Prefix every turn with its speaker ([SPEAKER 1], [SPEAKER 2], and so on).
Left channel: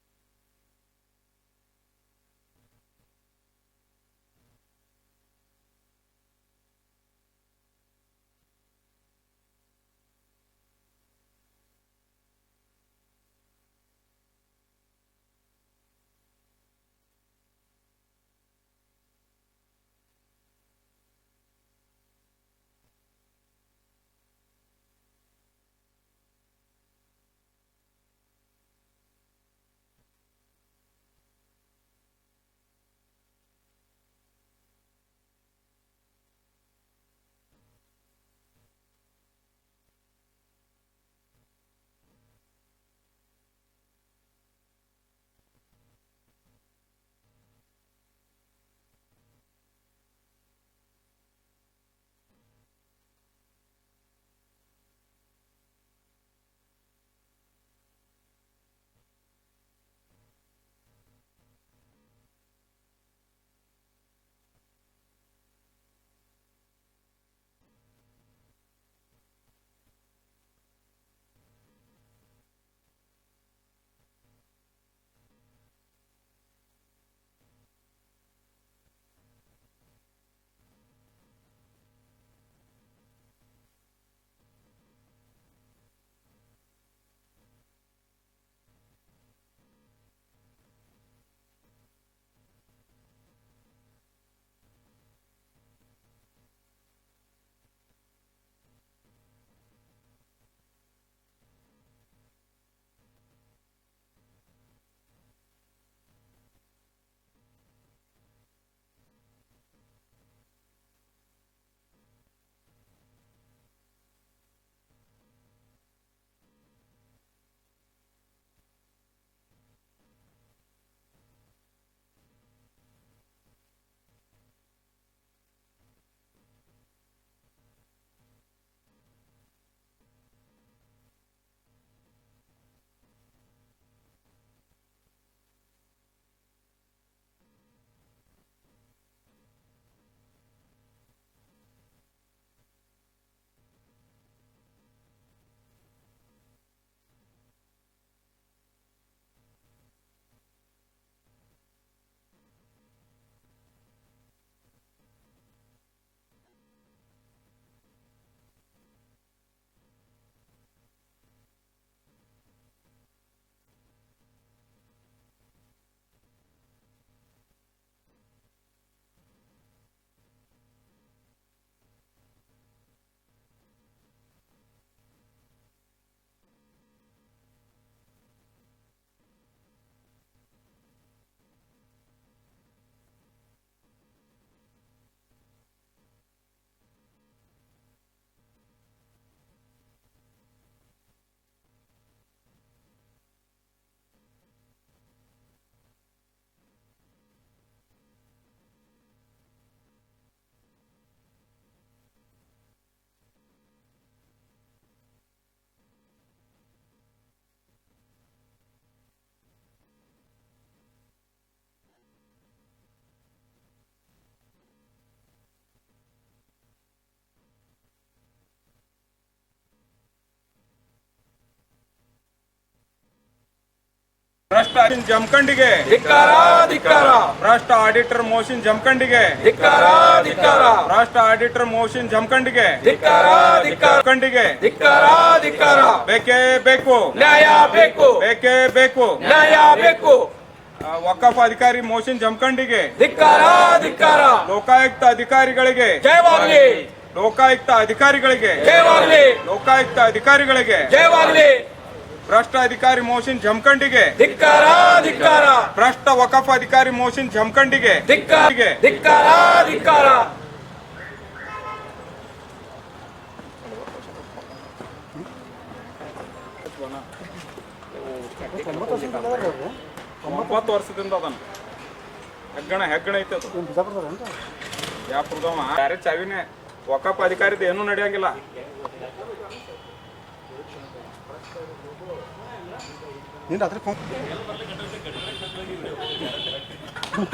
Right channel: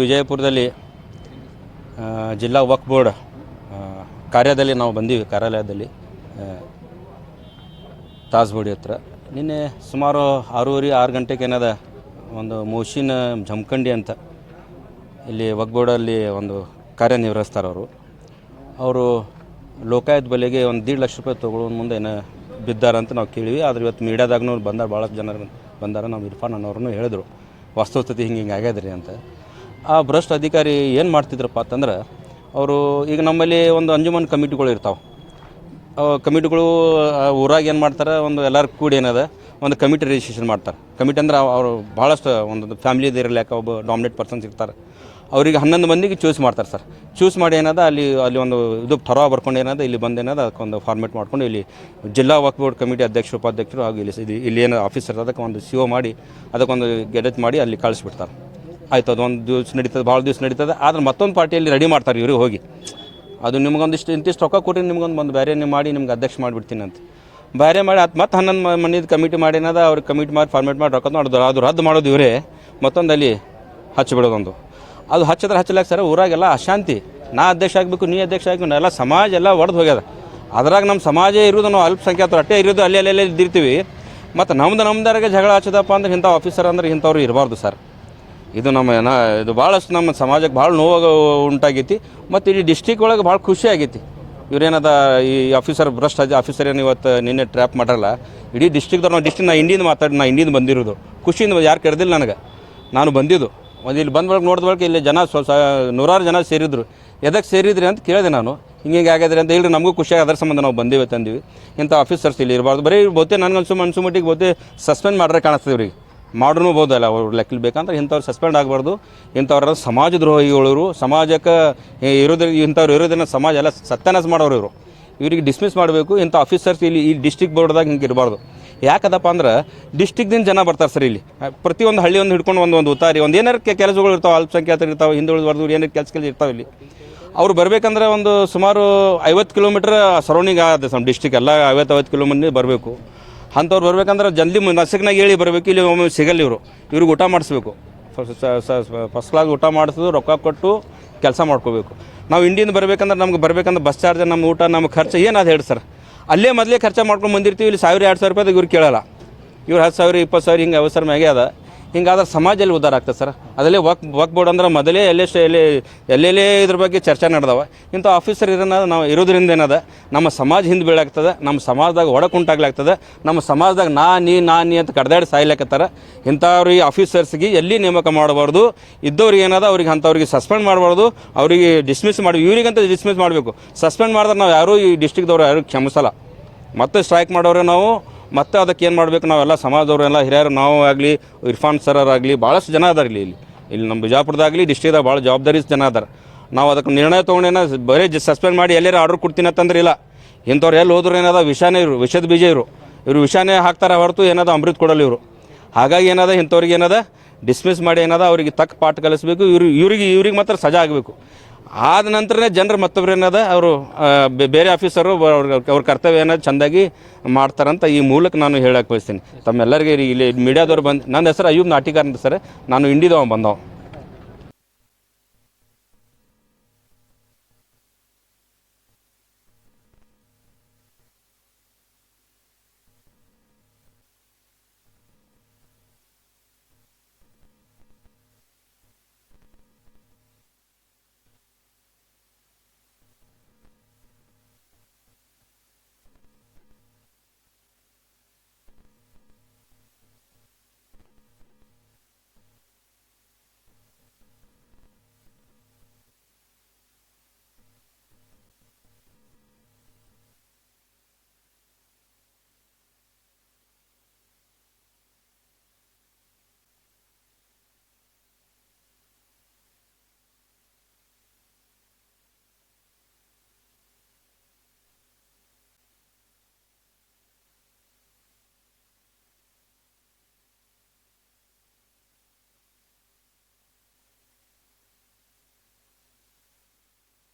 [SPEAKER 1] ವಿಜಯಪುರದಲ್ಲಿ ಜಿಲ್ಲಾ ವಕ್ ಬೋರ್ಡ್ ಕಾರ್ಯದಲ್ಲಿ ನಾವು ಬಂದೀವಿ, ಕಾರ್ಯಾಲಯದಲ್ಲಿ ತಾಸ್ಬೋಡಿ ಹತ್ರ. ನಿನ್ನೆ ಸುಮಾರು ಆರೂವರೆ, ಆರು ಗಂಟೆಗೆ ಏನದ ಒಂದು ಮೋಶಿನ ಜಮಖಂಡಿ ಅಂತ ಇಲ್ಲಿ ವಕ್ ಬೋರ್ಡಲ್ಲಿ ಒಂದು ಕಾರ್ಯನಿರ್ವಹಿಸ್ತಾರೆ ಅವರು. ಅವರು ಲೋಕಾಯತ್ ಬೆಲೆಗೆ ಒಂದು ದೀಡ್ ಲಕ್ಷ ರೂಪಾಯಿ ತೊಗೊಳ್ಳೋ ಮುಂದೆ ಏನೋ ಬಿದ್ದಾರಂತ ನಾವು ಕೇಳಿವಿ. ಆದ್ರೆ ಇವತ್ತು ಮೀಡಿಯಾದಾಗೂ ಬಂದಾರ ಭಾಳಷ್ಟು ಜನ ಬಂದಾರ, ನಾವು ಇರ್ಫಾನ್ ಅನ್ನೋರನ್ನು ಹೇಳಿದ್ರು. ವಾಸ್ತವಸ್ಥಿತಿ ಹಿಂಗೆ ಹಿಂಗೆ ಆಗ್ಯಾದ್ರಿ ಅಂತ. ಆ ಭ್ರಷ್ಟ ಅಧಿಕಾರಿ ಏನು ಮಾಡ್ತಿದ್ರಪ್ಪ ಅಂತಂದ್ರೆ, ಅವರು ಈಗ ನಮ್ಮಲ್ಲಿ ಒಂದು ಅಂಜುಮನ್ ಕಮಿಟಿಗಳು ಇರ್ತಾವೆ. ಕಮಿಟಿಗಳು ಊರಾಗ ಏನು ಮಾಡ್ತಾರೆ, ಒಂದು ಎಲ್ಲರೂ ಕೂಡಿ ಏನದ, ಒಂದು ಕಮಿಟಿ ರಿಜಿಸ್ಟ್ರೇಷನ್ ಮಾಡ್ತಾರೆ. ಕಮಿಟಿ ಅಂದ್ರೆ ಅವರು ಭಾಳಷ್ಟು ಒಂದು ಫ್ಯಾಮಿಲಿ ಇರಲಿಕ್ಕೆ ಒಬ್ಬ ಡಾಮಿನೇಟ್ ಪರ್ಸನ್ಸ್ ಇರ್ತಾರೆ. ಅವರಿಗೆ ಹನ್ನೊಂದು ಮಂದಿಗೆ ಚೂಸ್ ಮಾಡ್ತಾರೆ ಸರ್. ಚೂಸ್ ಮಾಡಿ ಏನದ, ಅಲ್ಲಿ ಅಲ್ಲಿ ಒಂದು ಇದು ಥರ ಬರ್ಕೊಂಡು ಏನದ, ಇಲ್ಲಿ ಬಂದು ಏನದ ಅದಕ್ಕೊಂದು ಫಾರ್ಮೇಟ್ ಮಾಡ್ಕೊಂಡು ಇಲ್ಲಿ ಜಿಲ್ಲಾ ವಕ್ ಬೋರ್ಡ್ ಕಮಿಟಿ ಅಧ್ಯಕ್ಷರು, ಉಪಾಧ್ಯಕ್ಷರು, ಹಾಗೂ ಇಲ್ಲಿ ಇಲ್ಲಿ ಏನು ಆಫೀಸರ್ ಅದಕ್ಕೆ ಒಂದು ಸಿ ಮಾಡಿ, ಅದಕ್ಕೊಂದು ಗೆಡೆಟ್ ಮಾಡಿ ಅಲ್ಲಿ ಕಳಿಸ್ಬಿಡ್ತಾರೆ. ಆಯ್ತು ಅದು ಒಂದು ದಿವಸ ನಡೀತದೆ, ಭಾಳ ದಿವಸ ನಡೀತದೆ, ಆದ್ರೆ ಮತ್ತೊಂದು ಪಾರ್ಟಿಯಲ್ಲಿ ರೆಡಿ ಮಾಡ್ತಾರೆ ಇವ್ರಿಗೆ ಹೋಗಿ. ಅದು ನಿಮ್ಗೊಂದಿಷ್ಟು, ಇಂತಿಷ್ಟು ರೊಕ್ಕ ಕೊಟ್ಟು ನಿಮ್ಗೊಂದು ಒಂದು ಬೇರೆ ನೀವು ಮಾಡಿ, ನಿಮ್ಗೆ ಅಧ್ಯಕ್ಷ ಮಾಡಿಬಿಡ್ತೀನಿ ಅಂತ. ಬೇರೆ ಮಾಡಿ ಅದು ಮತ್ತೆ ಹನ್ನೊಂದು ಮನಿದು ಕಮಿಟಿ ಮಾಡಿನದ ಅವ್ರಿಗೆ ಕಮಿಟಿ ಮಾಡಿ ಫಾರ್ಮೇಟ್ ಮಾಡಿ ರೊಕ್ಕ ಮಾಡೋದು ಅದು ರದ್ದು ಮಾಡೋದು ಇವರೇ. ಮತ್ತೊಂದು ಅಲ್ಲಿ ಹಚ್ಚಿಬಿಡೋದೊಂದು ಅದು ಹಚ್ಚಿದ್ರೆ ಹಚ್ಚಲಾಕ ಸರ್, ಊರಾಗೆಲ್ಲ ಅಶಾಂತಿ. ನಾ ಅಧ್ಯಕ್ಷ ಆಗಬೇಕು, ನೀ ಅಧ್ಯಕ್ಷ ಆಗಬೇಕು ಎಲ್ಲ ಸಮಾಜ ಎಲ್ಲ ಒಡೆದು ಹೋಗ್ಯದ. ಅದ್ರಾಗ ನಮ್ಮ ಸಮಾಜ ಇರೋದು ನಾವು ಅಲ್ಪಸಂಖ್ಯಾತರು, ಅಟ್ಟೆ ಇರೋದು ಅಲ್ಲಿ ಅಲ್ಲಿ ಅಲ್ಲಿ ಇದ್ದಿರ್ತೀವಿ. ಮತ್ತು ನಮ್ದು ನಮ್ದಾರಿಗೆ ಜಗಳ ಹಚ್ಚದಪ್ಪ ಅಂದ್ರೆ ಇಂಥ ಆಫೀಸರ್ ಅಂದ್ರೆ ಇಂಥವ್ರು ಇರಬಾರ್ದು ಸರ್. ಇದು ನಮ್ಮ ಏನ ಇದು ಭಾಳಷ್ಟು ನಮ್ಮ ಸಮಾಜಕ್ಕೆ ಭಾಳ ನೋವು ಉಂಟಾಗೈತಿ ಮತ್ತು ಇಡೀ ಡಿಸ್ಟಿಕ್ ಒಳಗೆ ಭಾಳ ಖುಷಿ ಆಗೈತಿ. ಇವ್ರೇನದ ಈ ಆಫೀಸರ್ ಭ್ರಷ್ಟ ಆಫೀಸರ್ ಏನು ಇವತ್ತು ನಿನ್ನೆ ಟ್ರ್ಯಾಪ್ ಮಾಡಲ್ಲ ಇಡೀ ಡಿಸ್ಟಿಕ್ದವ್ರು ನಾವು ಡಿಸ್ಟಿಕ್ ನಾ ಇಂಡಿಯಿಂದ ಮಾತಾಡಿ, ನಾ ಇಂಡಿಯಿಂದ ಬಂದಿರೋದು. ಖುಷಿಯಿಂದ ಯಾರು ಕರೆದಿಲ್ಲ ನನಗೆ. ನಾನು ಬಂದಿದ್ದು. ಒಂದು ಇಲ್ಲಿ ಬಂದ ಬಳಿಕ ಇಲ್ಲಿ ಜನ ಸ್ವ ನೂರಾರು ಜನ ಸೇರಿದ್ರು. ಎದಕ್ಕೆ ಸೇರಿದ್ರಿ ಅಂತ ಕೇಳಿದೆ ನಾನು. ಹಿಂಗೆ ಆಗ್ಯದ್ರಿ ಅಂತ ಹೇಳಿ ನಮಗೂ ಖುಷಿಯಾಗಿ ಅದರ ಸಂಬಂಧ ನಾವು ಬಂದೇವೆ, ತಂದೀವಿ. ಇಂಥ ಆಫೀಸರ್ಸ್ ಇಲ್ಲಿ ಇರಬಾರ್ದು. ಬರೀ ಬಹುತೇ ನನಗೆ ಅನ್ಸು ಅನ್ಸು ಮಟ್ಟಿಗೆ ಬೋತೆ ಸಸ್ಪೆಂಡ್ ಮಾಡ್ರೆ ಕಾಣಿಸ್ತದೆ ಇವ್ರಿಗೆ. ಮಾಡ್ರೂ ಬೋದಲ್ಲ ಅವ್ರು ಲೆಕ್ಕಲ್ಲಿ ಬೇಕಂದ್ರೆ ಇಂಥವ್ರು ಸಸ್ಪೆಂಡ್ ಆಗಬಾರ್ದು. ಇಂಥವ್ರ ಸಮಾಜ ದ್ರೋಹಿಗಳು ಸಮಾಜಕ್ಕೆ ಇರೋದ್ರ ಇಂಥವ್ರು ಇರೋದನ್ನ ಸಮಾಜ ಎಲ್ಲ ಸತ್ಯಾನಾಶ ಮಾಡೋರು ಇವರು. ಇವರಿಗೆ ಡಿಸ್ಮಿಸ್ ಮಾಡಬೇಕು, ಇಂಥ ಆಫೀಸರ್ಸ್ ಇಲ್ಲಿ ಈ ಡಿಸ್ಟಿಕ್ ಬೋರ್ಡ್ದಾಗ ಹಿಂಗೆ ಇರಬಾರ್ದು. ಯಾಕದಪ್ಪ ಅಂದ್ರೆ ಡಿಸ್ಟಿಕ್ದಿಂದ ಜನ ಬರ್ತಾರೆ ಸರ್ ಇಲ್ಲಿ. ಪ್ರತಿಯೊಂದು ಹಳ್ಳಿ ಒಂದು ಹಿಡ್ಕೊಂಡು ಒಂದು ಒಂದು ಉತ್ತಾರಿ ಒಂದು ಏನಾರು ಕೆಲಸಗಳು ಇರ್ತಾವೆ, ಅಲ್ಪಸಂಖ್ಯಾತರು ಇರ್ತಾವೆ, ಹಿಂದುಳಿದ ವರ್ಗದವ್ರು ಏನಾರು ಕೆಲಸ ಕೆಲಸ ಇರ್ತಾವೆ ಇಲ್ಲಿ. ಅವ್ರು ಬರಬೇಕಂದ್ರೆ ಒಂದು ಸುಮಾರು ಐವತ್ತು ಕಿಲೋಮೀಟ್ರ್ ಸರೌಂಡಿಂಗ್ ಆಗುತ್ತೆ ಸಮ್ ಡಿಸ್ಟಿಕ್ ಎಲ್ಲ ಐವತ್ತು ಐವತ್ತು ಕಿಲೋಮೀಟರ್ ಬರಬೇಕು. ಅಂಥವ್ರು ಬರ್ಬೇಕಂದ್ರೆ ಜಲ್ದಿ ನಸಕ್ನಾಗ ಹೇಳಿ ಬರಬೇಕು, ಇಲ್ಲಿ ಒಮ್ಮೆ ಸಿಗಲ್ಲ ಇವರು. ಇವ್ರಿಗೆ ಊಟ ಮಾಡಿಸ್ಬೇಕು. ಫಸ್ಟ್ ಕ್ಲಾಸ್ ಊಟ ಮಾಡಿಸೋದು ರೊಕ್ಕ ಕೊಟ್ಟು ಕೆಲಸ ಮಾಡ್ಕೋಬೇಕು. ನಾವು ಇಂಡಿಯಿಂದ ಬರ್ಬೇಕಂದ್ರೆ ನಮ್ಗೆ ಬರ್ಬೇಕಂದ್ರೆ ಬಸ್ ಚಾರ್ಜ್ ನಮ್ಮ ಊಟ ನಮ್ಮ ಖರ್ಚು ಅದು ಹೇಳಿ ಸರ್ ಅಲ್ಲೇ ಮೊದಲೇ ಖರ್ಚು ಮಾಡ್ಕೊಂಡು ಬಂದಿರ್ತೀವಿ, ಇಲ್ಲಿ ಸಾವಿರ, ಎರಡು ಸಾವಿರ ರೂಪಾಯಿದಾಗ ಇವ್ರು ಕೇಳಲ್ಲ. ಇವ್ರು ಹತ್ತು ಸಾವಿರ, ಇಪ್ಪತ್ತು ಸಾವಿರ ಹಿಂಗೆ ಅವಸರ ಮ್ಯಾಗೆ ಅದ. ಹಿಂಗಾದ್ರೆ ಸಮಾಜದಲ್ಲಿ ಉದ್ಧಾರ ಆಗ್ತದೆ ಸರ್. ಅದಲ್ಲೇ ವಕ್ ವಕ್ ಬೋರ್ಡ್ ಅಂದ್ರೆ ಮೊದಲೇ ಎಲ್ಲೇ ಎಲ್ಲಿ, ಎಲ್ಲೆಲ್ಲೇ ಇದ್ರ ಬಗ್ಗೆ ಚರ್ಚೆ ನಡೆದವ. ಇಂಥ ಆಫೀಸರ್ ಇರೋಣ ನಾವು ಇರೋದ್ರಿಂದ ಏನದ? ನಮ್ಮ ಸಮಾಜ ಹಿಂದೆ ಬೀಳಾಗ್ತದೆ, ನಮ್ಮ ಸಮಾಜದಾಗ ಒಡಕು ಉಂಟಾಗ್ಲಾಗ್ತದೆ, ನಮ್ಮ ಸಮಾಜದಾಗ ನಾ, ನೀ ನಾ, ನೀ ಅಂತ ಕಡ್ದಾಡಿ ಸಾಯ್ಲಾಕತ್ತಾರ. ಈ ಆಫೀಸರ್ಸ್ಗೆ ಎಲ್ಲಿ ನೇಮಕ ಮಾಡಬಾರ್ದು, ಇದ್ದವ್ರಿಗೆ ಏನದ? ಅವ್ರಿಗೆ ಅಂಥವ್ರಿಗೆ ಸಸ್ಪೆಂಡ್ ಮಾಡಬಾರ್ದು, ಅವರಿಗೆ ಡಿಸ್ಮಿಸ್ ಮಾಡಿ, ಇವ್ರಿಗಂತ ಡಿಸ್ಮಿಸ್ ಮಾಡಬೇಕು. ಸಸ್ಪೆಂಡ್ ಮಾಡಿದ್ರೆ ನಾವು ಯಾರೂ ಈ ಡಿಸ್ಟಿಕ್ದವ್ರು ಯಾರು ಕ್ಷಮಿಸಲ್ಲ. ಮತ್ತೆ ಸ್ಟ್ರೈಕ್ ಮಾಡೋರೆ ನಾವು ಮತ್ತೆ ಅದಕ್ಕೆ ಏನು ಮಾಡಬೇಕು? ನಾವೆಲ್ಲ ಸಮಾಜದವರೆಲ್ಲ ಹಿರಿಯರು, ನಾವು ಆಗಲಿ, ಇರ್ಫಾನ್ ಸರರಾಗಲಿ ಭಾಳಷ್ಟು ಜನ ಅದಾರ ಇಲ್ಲಿ ಇಲ್ಲಿ. ಇಲ್ಲಿ ನಮ್ಮ ಬಿಜಾಪುರದಾಗಲಿ ಡಿಸ್ಟ್ರಿಕ್ದಾಗ ಭಾಳ ಜವಾಬ್ದಾರಿ ಜನ ಅದಾರ. ನಾವು ಅದಕ್ಕೆ ನಿರ್ಣಯ ತೊಗೊಂಡೇನ ಬರೀ ಸಸ್ಪೆಂಡ್ ಮಾಡಿ ಎಲ್ಲಾರು ಆರ್ಡರ್ ಕೊಡ್ತೀನಿ ಅಂತಂದ್ರೆ ಇಲ್ಲ. ಇಂಥವ್ರು ಎಲ್ಲಿ ಹೋದ್ರು ಏನದ ವಿಷಾನೇ ಇರು ವಿಷದ ಬೀಜ ಇರು ಇವರು ವಿಷಾನೇ ಹಾಕ್ತಾರೆ ಹೊರತು ಏನದ ಅಮೃತ ಕೊಡಲ್ಲ ಇವರು. ಹಾಗಾಗಿ ಏನದ ಇಂಥವ್ರಿಗೆ ಏನದ ಡಿಸ್ಮಿಸ್ ಮಾಡಿ ಏನದ ಅವ್ರಿಗೆ ತಕ್ಕ ಪಾಠ ಕಲಿಸ್ಬೇಕು, ಇವ್ರು ಇವ್ರಿಗೆ ಇವ್ರಿಗೆ ಮಾತ್ರ ಸಜಾ ಆಗಬೇಕು. ಆದ ನಂತರನೇ ಜನರು ಮತ್ತೊಬ್ರು ಏನದ ಅವರು ಬೇರೆ ಆಫೀಸರು ಅವ್ರ ಅವ್ರ ಕರ್ತವ್ಯ ಏನೋ ಚೆಂದಾಗಿ ಮಾಡ್ತಾರಂತ ಈ ಮೂಲಕ ನಾನು ಹೇಳಕ್ಕೆ ಬಯಸ್ತೀನಿ. ತಮ್ಮೆಲ್ಲರಿಗೆ ಇಲ್ಲಿ ಮೀಡಿಯಾದವ್ರು ಬಂದು ನನ್ನ ಹೆಸರು ಅಯ್ಯೂಬ್ ನಾಟಿಕಾರ್ ಅಂತ ಸರ್ ನಾನು ಇಂಡಿದವ ಬಂದವ.
[SPEAKER 2] ಭ್ರಷ್ಟ ಜಮಖಂಡಿಗೆ. ಭ್ರಷ್ಟ ಆಡಿಟರ್ ಮೋಷನ್ ಜಮಖಂಡಿಗೆ. ಭ್ರಷ್ಟ ಆಡಿಟರ್ ಮೋಷನ್ ಜಮಖಂಡಿಗೆ.
[SPEAKER 3] ಧಿಕ್ಕಾರ.
[SPEAKER 2] ಬೇಕೇ ಬೇಕು.
[SPEAKER 3] ನ್ಯಾಯ ಬೇಕು.
[SPEAKER 2] ಬೇಕೇ ಬೇಕು.
[SPEAKER 3] ನ್ಯಾಯ ಬೇಕು.
[SPEAKER 2] ವಕಫ್ ಅಧಿಕಾರಿ ಮೋಷನ್ ಜಮಖಂಡಿಗೆ.
[SPEAKER 3] ಧಿಕ್ಕಾರ ಧಿಕ್ಕಾರ.
[SPEAKER 2] ಲೋಕಾಯುಕ್ತ ಅಧಿಕಾರಿಗಳಿಗೆ.
[SPEAKER 3] ಜಯವಾಗಲಿ
[SPEAKER 2] ಲೋಕಾಯುಕ್ತ ಅಧಿಕಾರಿಗಳಿಗೆ.
[SPEAKER 3] ಜಯವಾಗಲಿ
[SPEAKER 2] ಲೋಕಾಯುಕ್ತ ಅಧಿಕಾರಿಗಳಿಗೆ.
[SPEAKER 3] ಜಯವಾಗಲಿ
[SPEAKER 2] ಭ್ರಷ್ಟ ಅಧಿಕಾರಿ ಮೋಷನ್ ಜಮಖಂಡಿಗೆ.
[SPEAKER 3] ಧಿಕ್ಕಾರ ಧಿಕ್ಕಾರ.
[SPEAKER 2] ಭ್ರಷ್ಟ ವಕಫ್ ಅಧಿಕಾರಿ ಮೋಷನ್ ಜಮಖಂಡಿಗೆ.
[SPEAKER 3] ಧಿಕ್ಕಾರ ಧಿಕ್ಕಾರ ಧಿಕ್ಕಾರ.
[SPEAKER 2] ಒಂಬತ್ತು ವರ್ಷದಿಂದ ಅದನ್ನ ಹೆಗ್ಗಣ ಹೆಗ್ಗಣ ಐತೆ ಅದು. ಯಾವ ಪ್ರದಮ ಯಾರೇ ಚಾವಿನೇ ಒಕ್ಕಪ್ಪ ಅಧಿಕಾರಿದ ಏನೂ ನಡೆಯಂಗಿಲ್ಲ.
[SPEAKER 4] ನೀನು